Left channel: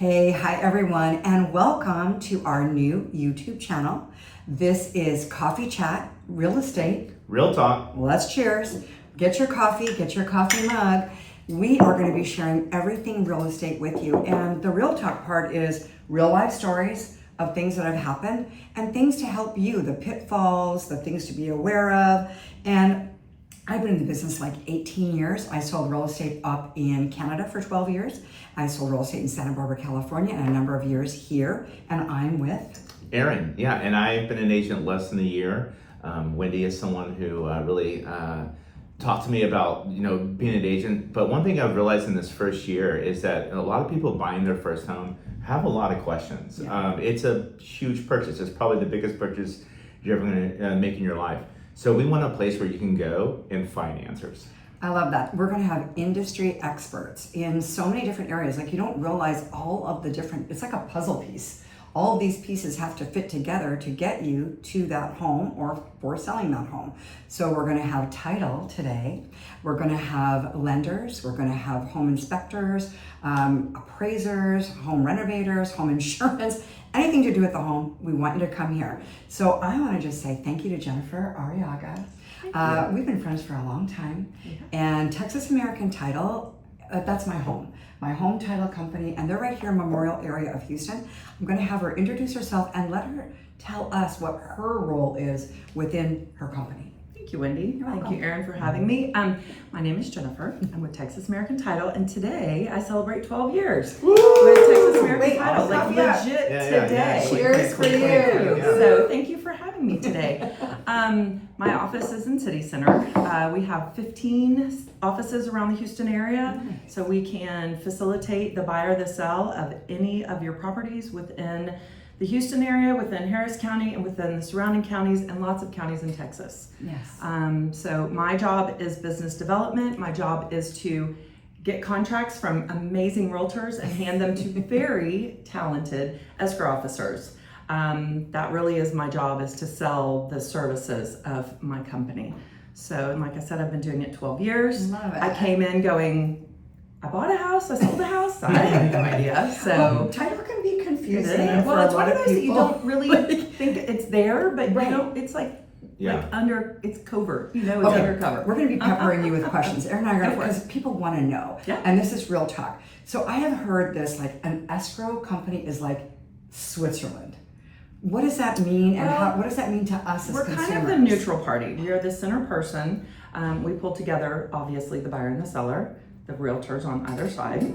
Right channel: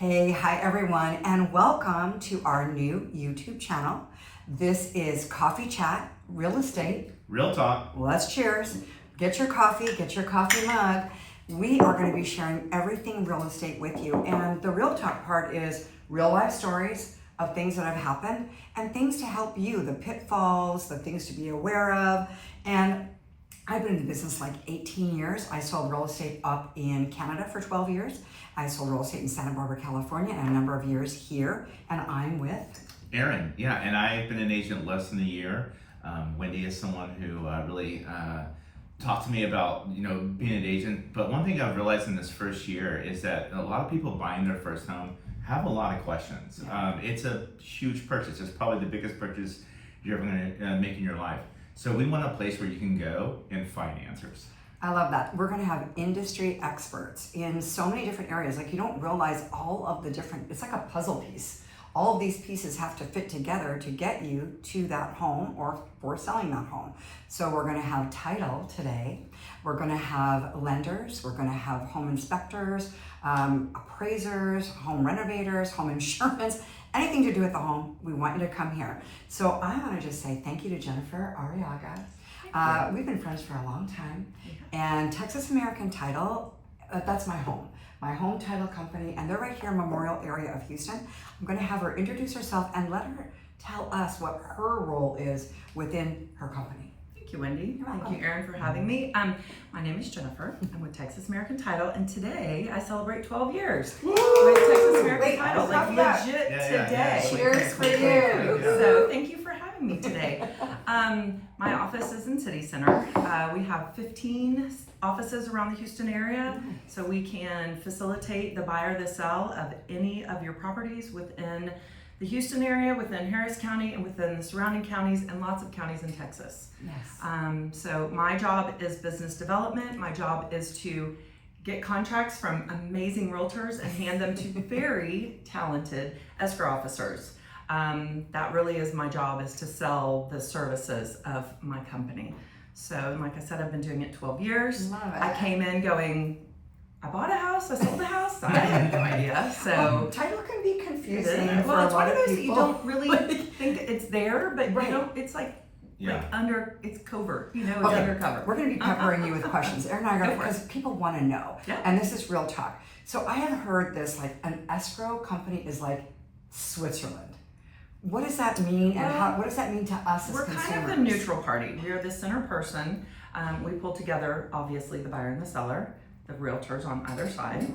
Hi everyone, and welcome to our new YouTube channel. This is Coffee Chat, Real Estate. Real talk. Let's cheers. Get your coffee mug. We are going to be sharing everything real estate with you. And the real talk part is real life stories of things that have happened and things to help you, the pitfalls, the things to be aware of. And I've been in the business like 18 years. I sold real estate up in Canada for 12 years. I sold real estate in Santa Barbara, California, and a number of years here. And I'm with Aaron. Yeah, and I've been an agent less than a year. Wendy is someone who really talked to me about, being an agent. But one thing I've realized in this first year is that a lot of people buying their first home have a lot of questions. Yeah. It's a huge purchase. It's probably the biggest purchase you're ever going to make in your life. So we want a place where you can go and find answers. I love that. We're going to have industry experts in so many different areas. Like, you don't realize all of the different, it's like a puzzle piece. All of these pieces have to fit together to get you to that home or for selling that home. So we're going to have title today. We're going to have lenders. We're going to have home inspectors, appraisers, home renovators, home insurance, anything to do with the home. We want you to come here. So I want to just say thank you to Jennifer Arriaga. We've been friends for a long time. Yeah. And Texas American Title, that's my home title company, and they're right here in Memorial area of Houston. I'm going to have her introduce herself and let her tell us what her role is within her company. Thank you, Wendy. Thank you, Aaron, for having me. My name is Jennifer. I'm with Texas American Title, and today I celebrate 12 years with Texas American Title. Like legit today. Cheers for you. So thank you for having me today. My office is in City Center. We have 15 offices around the Houston area, so we can facilitate the buy or the sell of any of your properties within the Houston area, within Harris County, and within the surrounding counties, and lots of counties in Texas. Yes. So my job is business development. My job is to get contracts from amazing realtors and hand them to very talented escrow officers. That really is my job, is to sell the services of my company. So, and like I said, I've been doing it 12 years. Love it. I came in going, I bought a house, I sold a house, I had no idea. So title can be confusing. Well, it's one of those that you don't really like, think it's there, but right. It's like it's covert, it's okay. undercover. We're going to be peppering you with questions. Aaron and I are going to, Go for it. because people want to know. Yeah. And this is real talk. So I have heard this, like an escrow company is like Switzerland. What does that mean, and what does that mean to us as consumers? We're kind of the neutral party. We are the center person. We pull together, obviously, the buyer and the seller, the realtors on either side.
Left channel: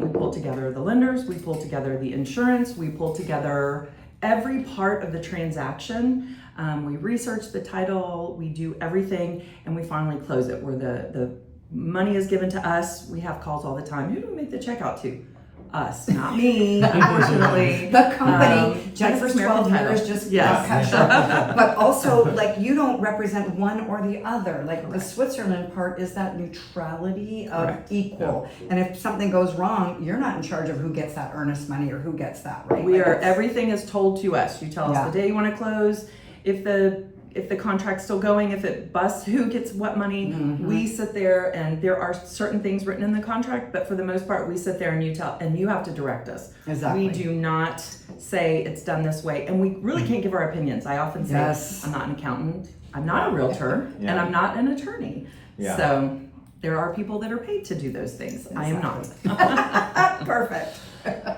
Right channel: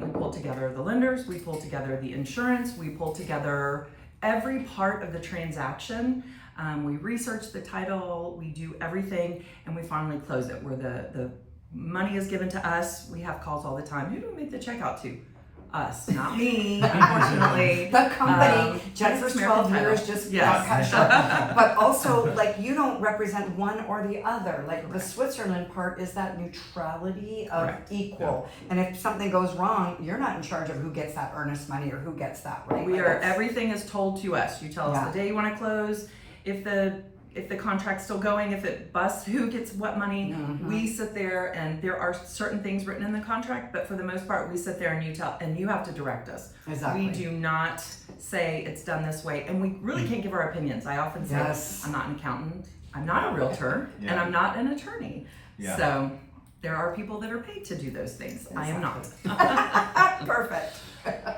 We pull together the lenders. We pull together the insurance. We pull together every part of the transaction. We research the title. We do everything, and we finally close it, where the money is given to us. We have calls all the time. Who do we make the check out to? Us, not me, unfortunately. The company, Texas Jennifer's 12 years just got cut short. But also, like, you don't represent one or the other. Like, Correct. the Switzerland part is that neutrality of Correct. equal. Yeah. And if something goes wrong, you're not in charge of who gets that earnest money or who gets that, right? We are, everything is told to us. You tell us the day you want to close, if the contract's still going, if it busts, who gets what money. Mm-hmm. We sit there, and there are certain things written in the contract, but for the most part, we sit there and you have to direct us. Exactly. We do not say it's done this way, and we really can't give our opinions. I often say, I'm not an accountant, I'm not a realtor, and I'm not an attorney. Yeah. So there are people that are paid to do those things. Exactly. I am not. Perfect.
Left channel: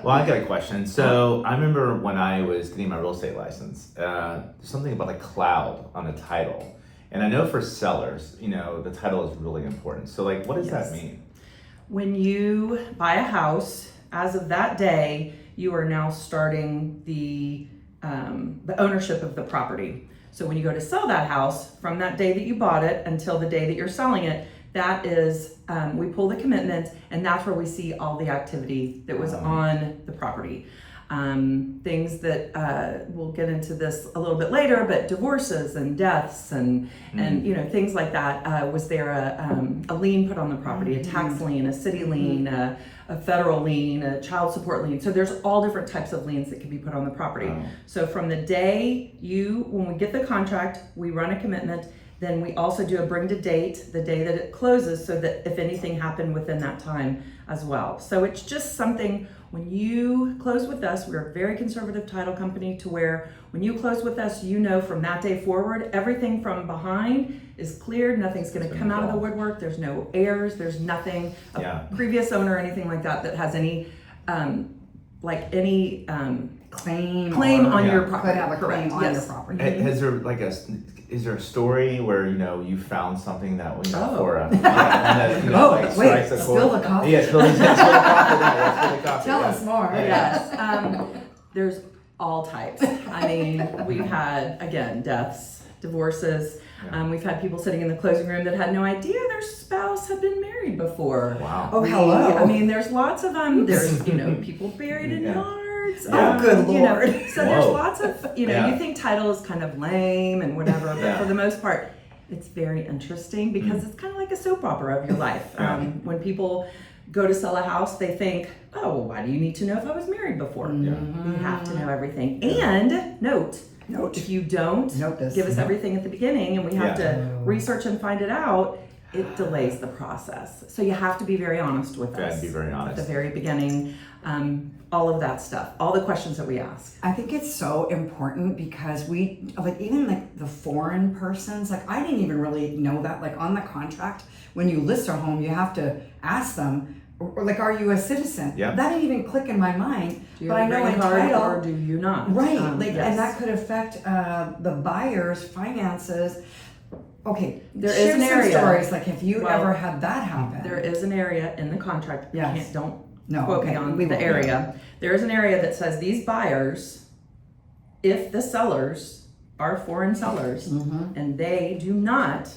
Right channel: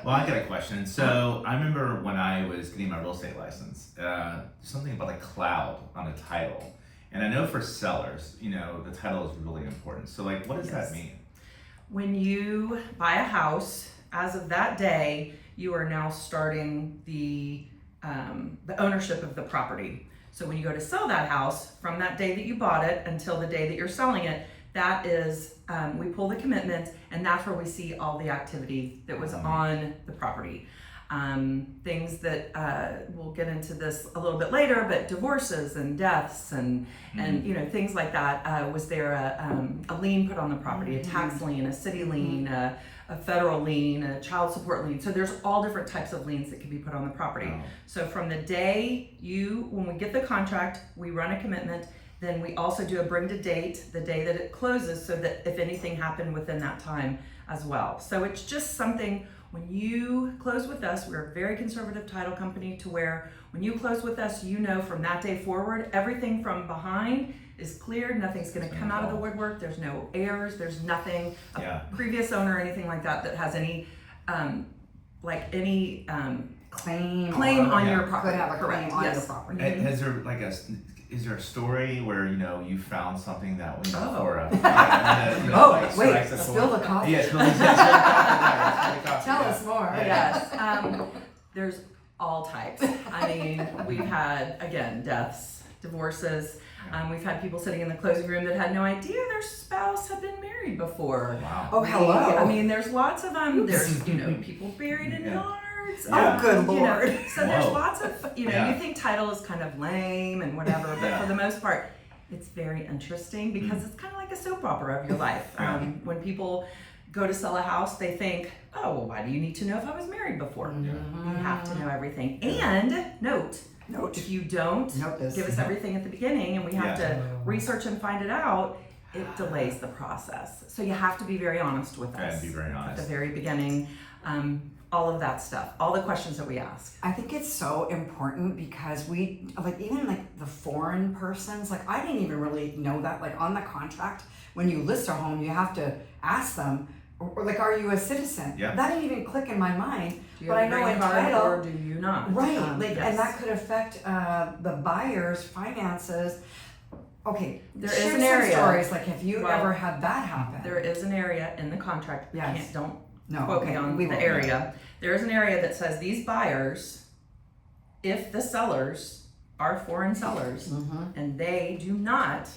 Well, I got a question. So I remember when I was getting my real estate license, there's something about a cloud on the title. And I know for sellers, the title is really important. So like, what does that mean? When you buy a house, as of that day, you are now starting the ownership of the property. So when you go to sell that house, from that day that you bought it until the day that you're selling it, that is, we pull the commitment, and that's where we see all the activity that was on the property. Things that, we'll get into this a little bit later, but divorces and deaths and things like that. Was there a lien put on the property, a tax lien, a city lien, a federal lien, a child support lien? So there's all different types of liens that can be put on the property. So from the day when we get the contract, we run a commitment. Then we also do a bring to date, the day that it closes, so that if anything happened within that time as well. So it's just something When you close with us, we're a very conservative title company to where when you close with us, you know from that day forward, everything from behind is cleared. Nothing's going to come out of the woodwork. There's no heirs. There's nothing, a previous owner or anything like that has any, claim on your property. Could have a claim on your property. Has there is there a story where you found something that for spill the coffee. Yeah, spill the coffee. Tell us more. Yes. There's all types. I mean, we've had, again, deaths, divorces. We've had people sitting in the closing room that had no idea their spouse had been married before. Wow. Oh, hello. I mean, there's lots of there's people buried in yards. Oh, good Lord. So there's lots of you think title is kind of lame and whatever, but for the most part, it's very interesting because it's kind of like a soap opera of your life. When people go to sell a house, they think, oh, well, why do you need to know if I was married before? You have to know everything. And note, if you don't give us everything at the beginning and we have to research and find it out, it delays the process. So you have to be very honest with us. Be very honest. At the very beginning, all of that stuff, all the questions that we ask. I think it's so important because even the foreign persons, I didn't even really know that, on the contract, when you list a home, you have to ask them, are you a citizen? Yeah. That didn't even click in my mind. Do you have a green card or do you not? Right, and that could affect the buyer's finances. Okay, there is an area. Stories have you ever had that happen? There is an area in the contract. Don't quote me on the area. There is an area that says these buyers, if the sellers are foreign sellers and they do not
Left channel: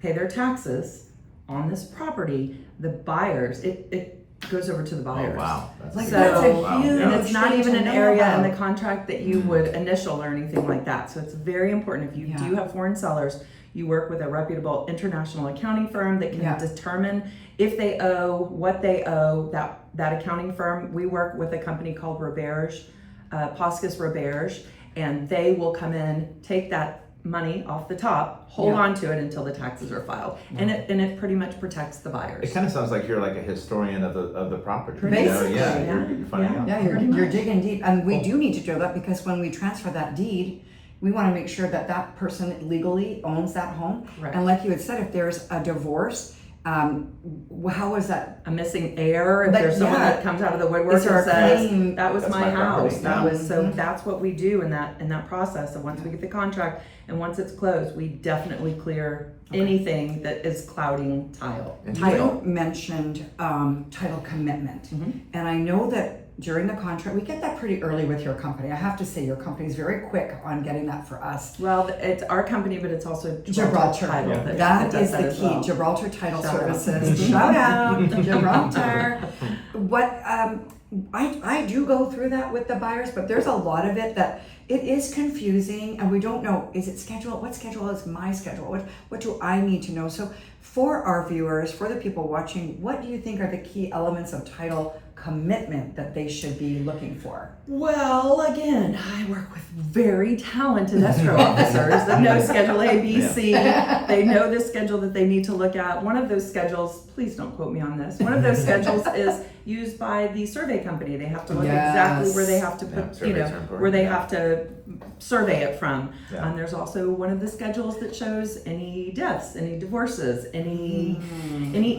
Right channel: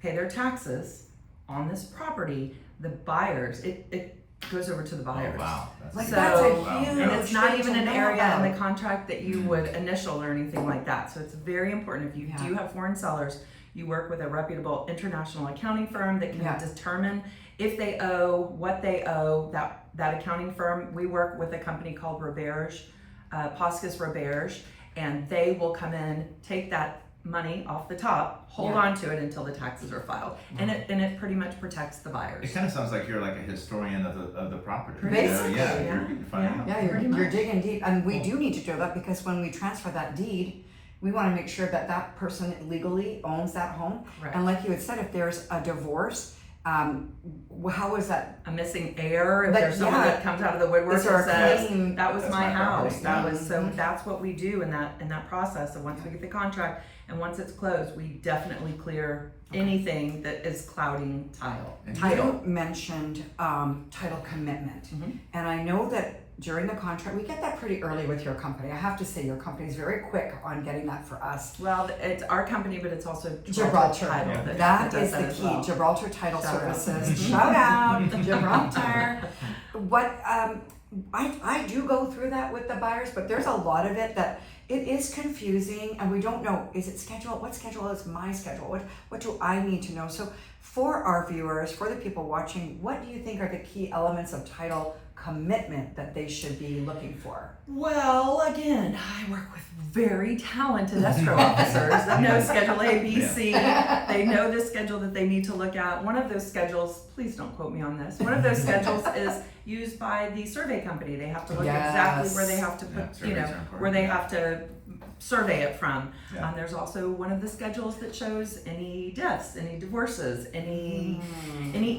pay their taxes on this property, the buyers, it goes over to the buyers. Oh, wow. That's a huge and it's not even an area about. in the contract that you would initial or anything like that. So it's very important if you do have foreign sellers, you work with a reputable international accounting firm that can determine if they owe, what they owe. That accounting firm, we work with a company called Roberge, Poscus Roberge, and they will come in, take that money off the top, hold on to it until the taxes are filed, and it pretty much protects the buyers. It kind of sounds like you're like a historian of the property. Basically, you're digging deep, and we do need to do that because when we transfer that deed, we want to make sure that person legally owns that home. Right. And like you had said, if there's a divorce, how is that? A missing heir, if there's someone that comes out of the woodwork and says, that was my house, that's what we do in that process. And once we get the contract and once it's closed, we definitely clear anything that is clouding title. You mentioned title commitment, and I know that during the contract, we get that pretty early with your company. I have to say, your company is very quick on getting that for us. Well, it's our company, but it's also Gibraltar Title. That is the key. Well. Gibraltar Title Services. Shout out, Gibraltar. What I do go through that with the buyers, but there's a lot of it that it is confusing, and we don't know. Is it scheduled? What schedule is my schedule? What do I need to know? So, for our viewers, for the people watching, what do you think are the key elements of title commitment that they should be looking for? Well, again, I work with very talented escrow officers that know Schedule A, B, C. They know the schedule that they need to look at. One of those schedules, please don't quote me on this, one of those schedules is used by the survey company. They have to look exactly where they have to put, where they have to survey it from. There's also one of the schedules that shows any deaths, any divorces, any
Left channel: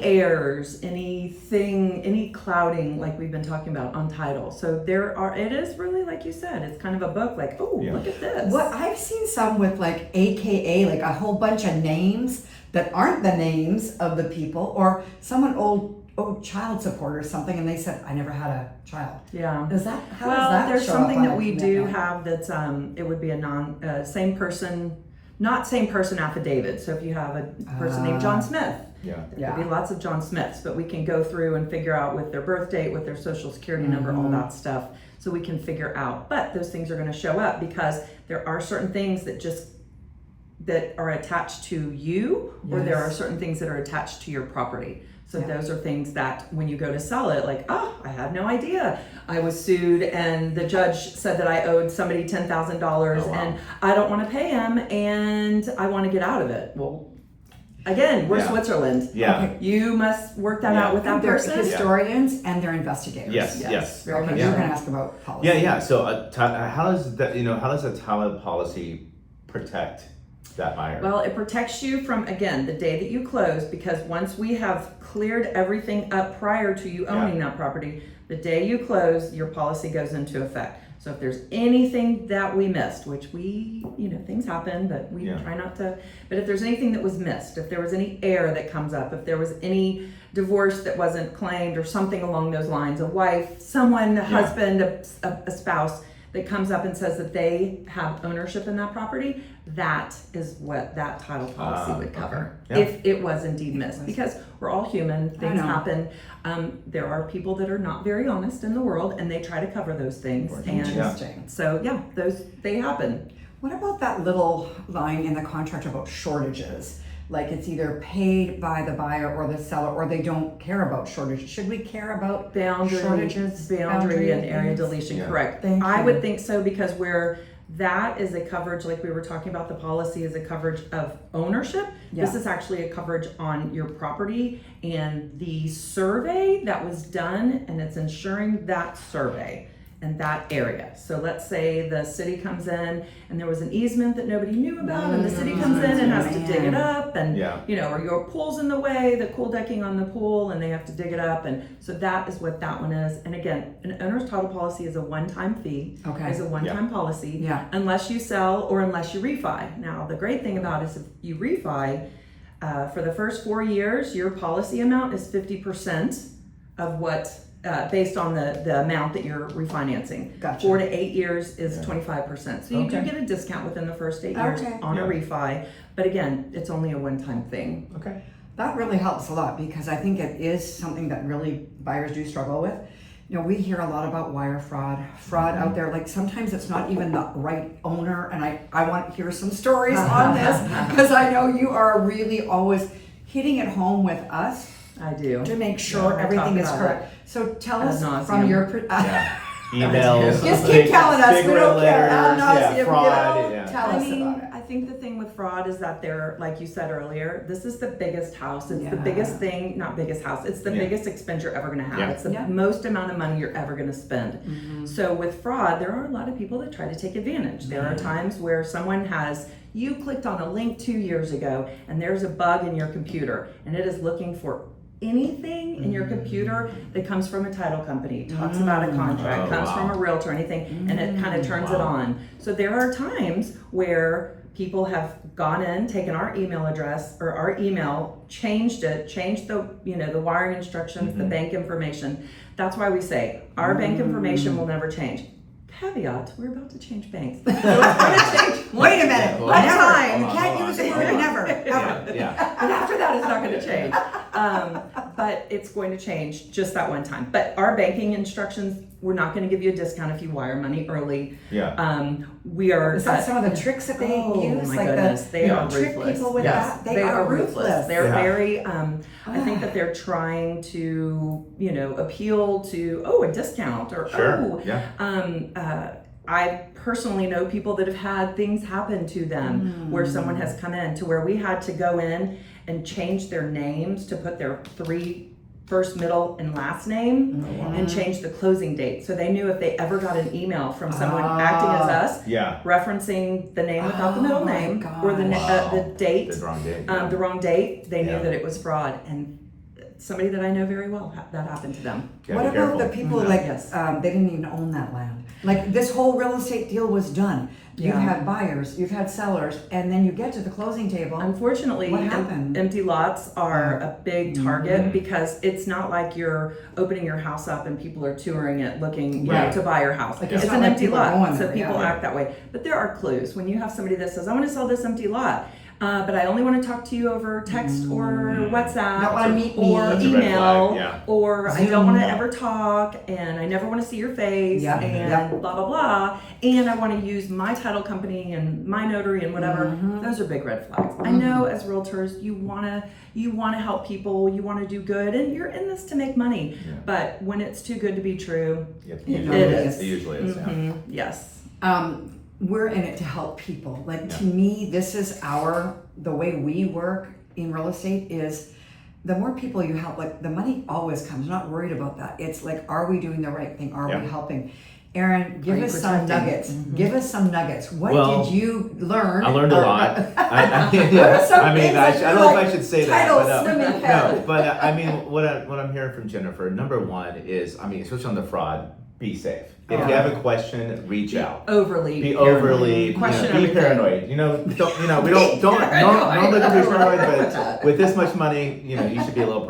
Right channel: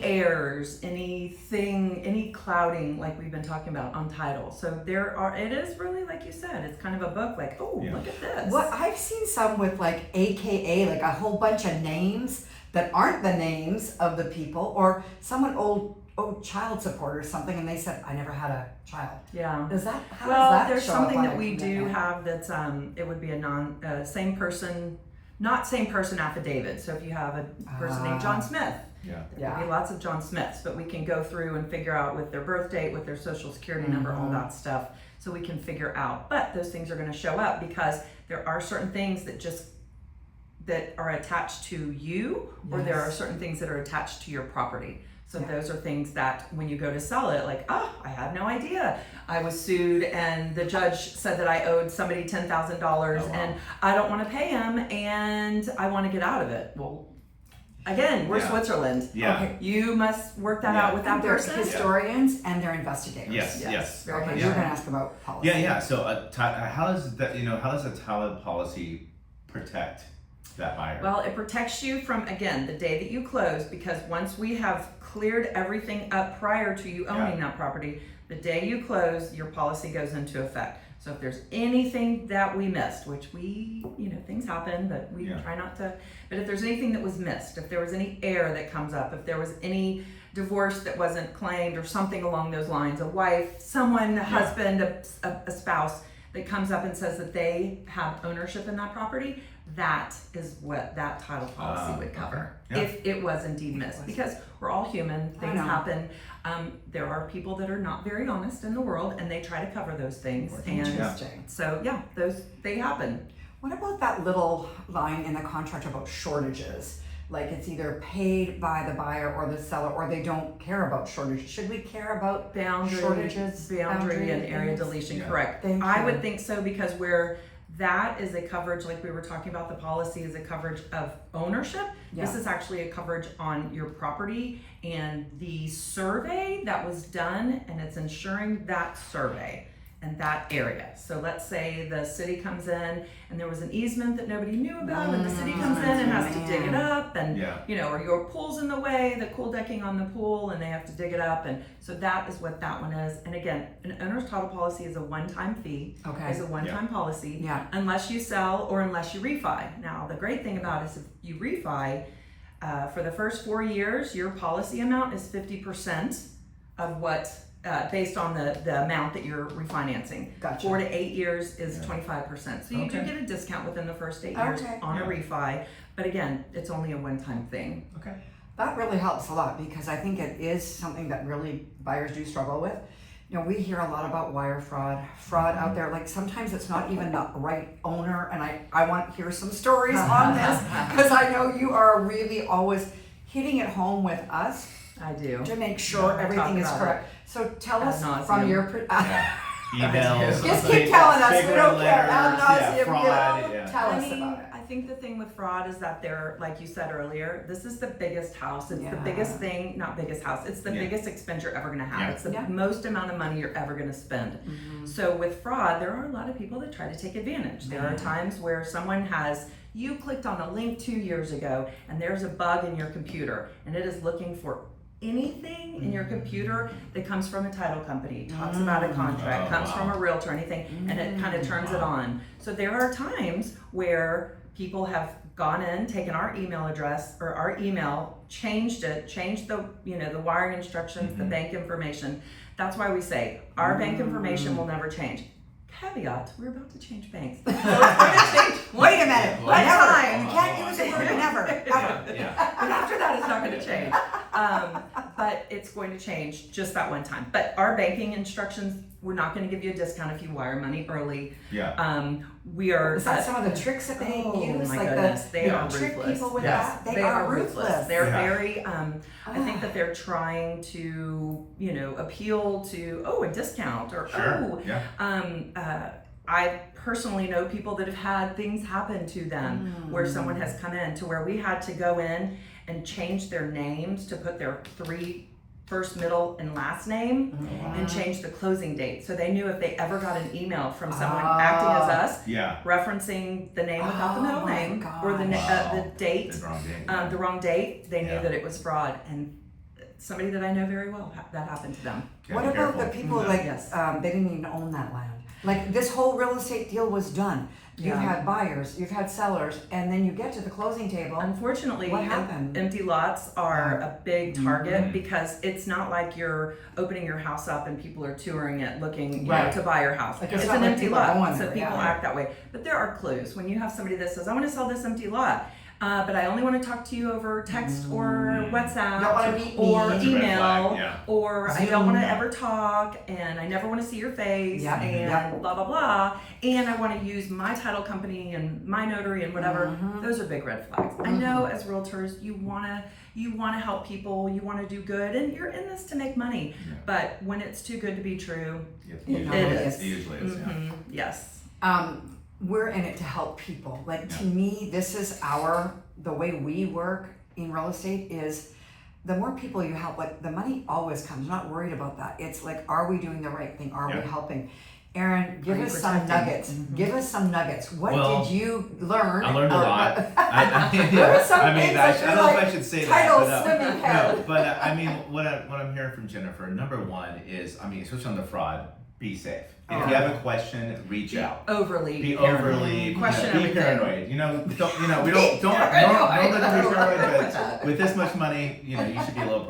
heirs, anything, any clouding, like we've been talking about on title. So it is really, like you said, it's kind of a book, look at this. What I've seen some with AKA, a whole bunch of names that aren't the names of the people, or someone old child support or something, and they said, I never had a child. Yeah. Is that how does that there's show something up that on we a do commitment? have that's same person, not same person affidavit. So if you have a person named John Smith, there could be lots of John Smiths, but we can go through and figure out with their birth date, with their social security number, all that stuff, so we can figure out. But those things are going to show up because there are certain things that are attached to you, or there are certain things that are attached to your property. So those are things that when you go to sell it, I had no idea. I was sued and the judge said that I owed somebody $10,000 and I don't want to pay him and I want to get out of it. Well, Again, we're Yeah. Switzerland. Yeah. Okay. You must work that Yeah. out with that They're person. historians and they're investigators. Yes. Very Okay, much. you were so. going to ask about policy. Yeah. So, how does that? How does a title policy protect that buyer? Well, it protects you from, again, the day that you close, because once we have cleared everything up prior to you owning that property, the day you close, your policy goes into effect. So if there's anything that we missed, which we, things happen, but we try not to, but if there's anything that was missed, if there was any error that comes up, if there was any divorce that wasn't claimed or something along those lines, a wife, someone, a husband, a spouse that comes up and says that they have ownership in that property, that is what that title policy would cover if it was indeed missed. Because we're all human, things happen. There are people that are not very honest in the world, and they try to cover those things. Interesting. So they happen. What about that little line in the contract about shortages? Like it's either paid by the buyer or the seller, or they don't care about shortages. Should we care about shortages? Boundary and area things? deletion, correct. Thank I you. would think so, because where that is a coverage, like we were talking about, the policy is a coverage of ownership. This is actually a coverage on your property and the survey that was done, and it's ensuring that survey and that area. So let's say the city comes in and there was an easement that nobody knew about, and the city comes in and has to dig it up, and or your pool's in the way, the cool decking on the pool, and they have to dig it up. And so that is what that one is. And again, an owner's title policy is a one-time fee. Okay. Is a one-time policy. Yeah. Unless you sell or unless you refi. Now, the great thing about it is if you refi, for the first 4 years, your policy amount is 50% of what, based on the amount that you're refinancing. Gotcha. 4 to 8 years is 25%. So you do get a discount within the first 8 years on a refi. But again, it's only a one-time thing. Okay. That really helps a lot, because I think it is something that really buyers do struggle with. We hear a lot about wire fraud out there. Like sometimes it's not even the right owner, and I want to hear some stories on this, because I know you are really always hitting it home with us. I do. To make sure everything is correct. So tell us from your emails. Just keep telling us. We don't care. Fraud. Tell us about it. I think the thing with fraud is that they're, like you said earlier, this is the biggest house. It's the biggest thing, not biggest house. It's the biggest expense you're ever going to have. It's the most amount of money you're ever going to spend. So with fraud, there are a lot of people that try to take advantage. There are times where someone you clicked on a link 2 years ago, and there's a bug in your computer, and it is looking for anything in your computer that comes from a title company, talks about a contract, comes from a realtor, anything, and it kind of turns it on. So there are times where people have gone in, taken our email address or our email, changed the the wiring instructions, the bank information. That's why we say our bank information will never change. Caveat, we're about to change banks. So it's going to change. Wait a minute. One Never. time. You can't use the word never. Ever. But after that, it's not going to change. But it's going to change just that one time. But our banking instructions, we're not going to give you a discount if you wire money early. We are. Is that some of the tricks that they use? Oh my goodness, they are trick ruthless. people with that? They are ruthless. They're very. I think Ah. that they're trying to, appeal to a discount or I personally know people that have had things happen to them where someone has come in to where we had to go in and change their names to put their 3 first, middle, and last name and change the closing date. So they knew if they ever got an email from someone acting as us, referencing the name without the middle name or the date, the wrong date, they knew that it was fraud. And somebody that I know very well, that happened to them. What about the people they didn't even own that land? Like this whole real estate deal was done. You've had buyers, you've had sellers, and then you get to the closing table. Unfortunately, what happened? Empty lots are a big target because it's not like you're opening your house up and people are touring it looking to buy your house. Like it's not an like empty people lot, going so there, people act that way. But there are clues. When you have somebody that says, I want to sell this empty lot, but I only want to talk to you over text or WhatsApp Don't want to meet or me. email or Zoom. I don't want to ever talk and I never want to see your face and blah, blah, blah. And I want to use my title company and my notary and whatever. Those are big red flags. I know as realtors, you want to help people, you want to do good, and you're in this to make money. But when it's too good to be true, it is. It usually is. Yes. We're in it to help people. Like to me, this is the way we work in real estate is the more people you help, like the money always comes. I'm not worried about that. It's like, are we doing the right thing? Are we helping? Aaron, give us some nuggets. Give us some nuggets. What did you learn? I learned a lot. I don't know if I should say that. But I mean, what I'm hearing from Jennifer, number one is, I mean, especially on the fraud, be safe. If you have a question, reach out. Be overly question be everything. paranoid. We don't look at be paranoid, but with this much money, you should be a little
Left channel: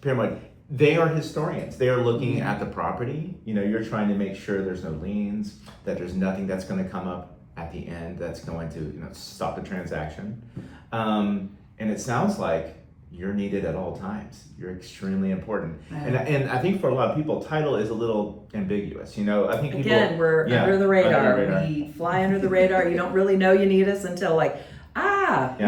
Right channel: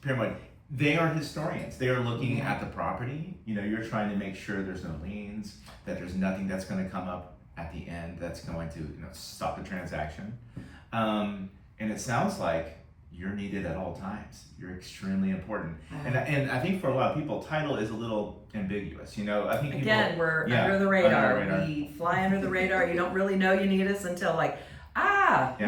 paranoid. They are historians. They are looking at the property. You're trying to make sure there's no liens, that there's nothing that's going to come up at the end that's going to stop the transaction. And it sounds like you're needed at all times. You're extremely important. And I think for a lot of people, title is a little ambiguous. I think we're under the radar. We fly under the radar. You don't really know you need us until we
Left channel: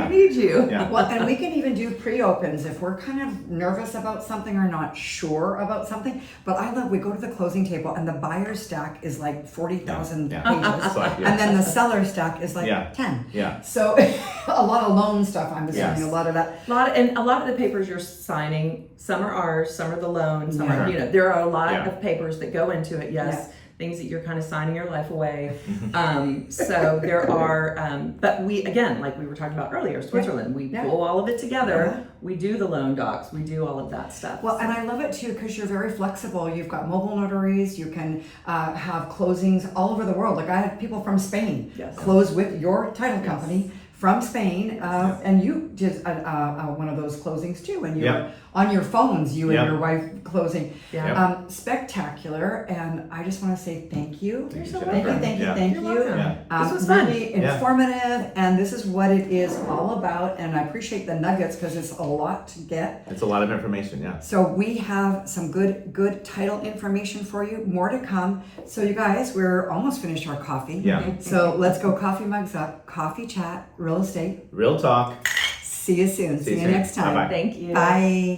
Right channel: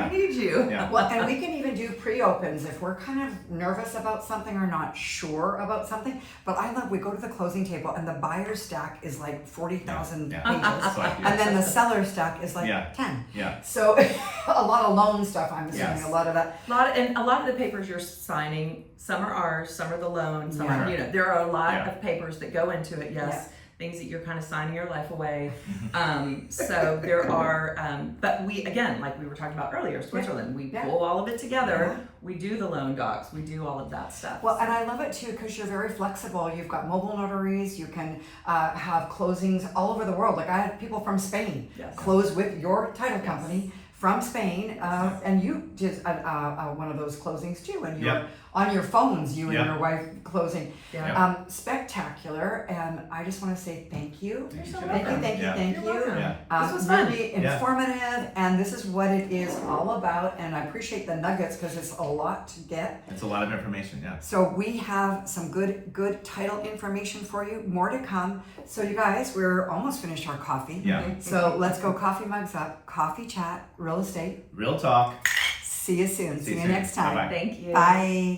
need you. Yeah. Well, and we can even do pre-opens if we're kind of nervous about something or not sure about something. But I love, we go to the closing table and the buyer's stack is like 40,000 pages. And then the seller stack is like 10. Yeah. So a lot of loan stuff, I'm assuming, a lot of that. A lot of the papers you're signing, some are ours, some are the loan, some are, there are a lot of papers that go into it, things that you're kind of signing your life away. So there are, but we, again, like we were talking about earlier, Switzerland, we pull all of it together. We do the loan docs, we do all of that stuff. Well, and I love it too, because you're very flexible. You've got mobile notaries, you can have closings all over the world. Like I had people from Spain close with your title company from Spain, and you did one of those closings too, and you're on your phones, you and your wife closing. Spectacular, and I just want to say thank you. You're so Thank you. This was fun. Really informative, and this is what it is all about, and I appreciate the nuggets because it's a lot to get. It's a lot of information, So we have some good title information for you, more to come. So you guys, we're almost finished our coffee. So let's go coffee mugs up, coffee chat, real estate. Real talk. See you soon. See you next time. Bye-bye. Thank you. Bye.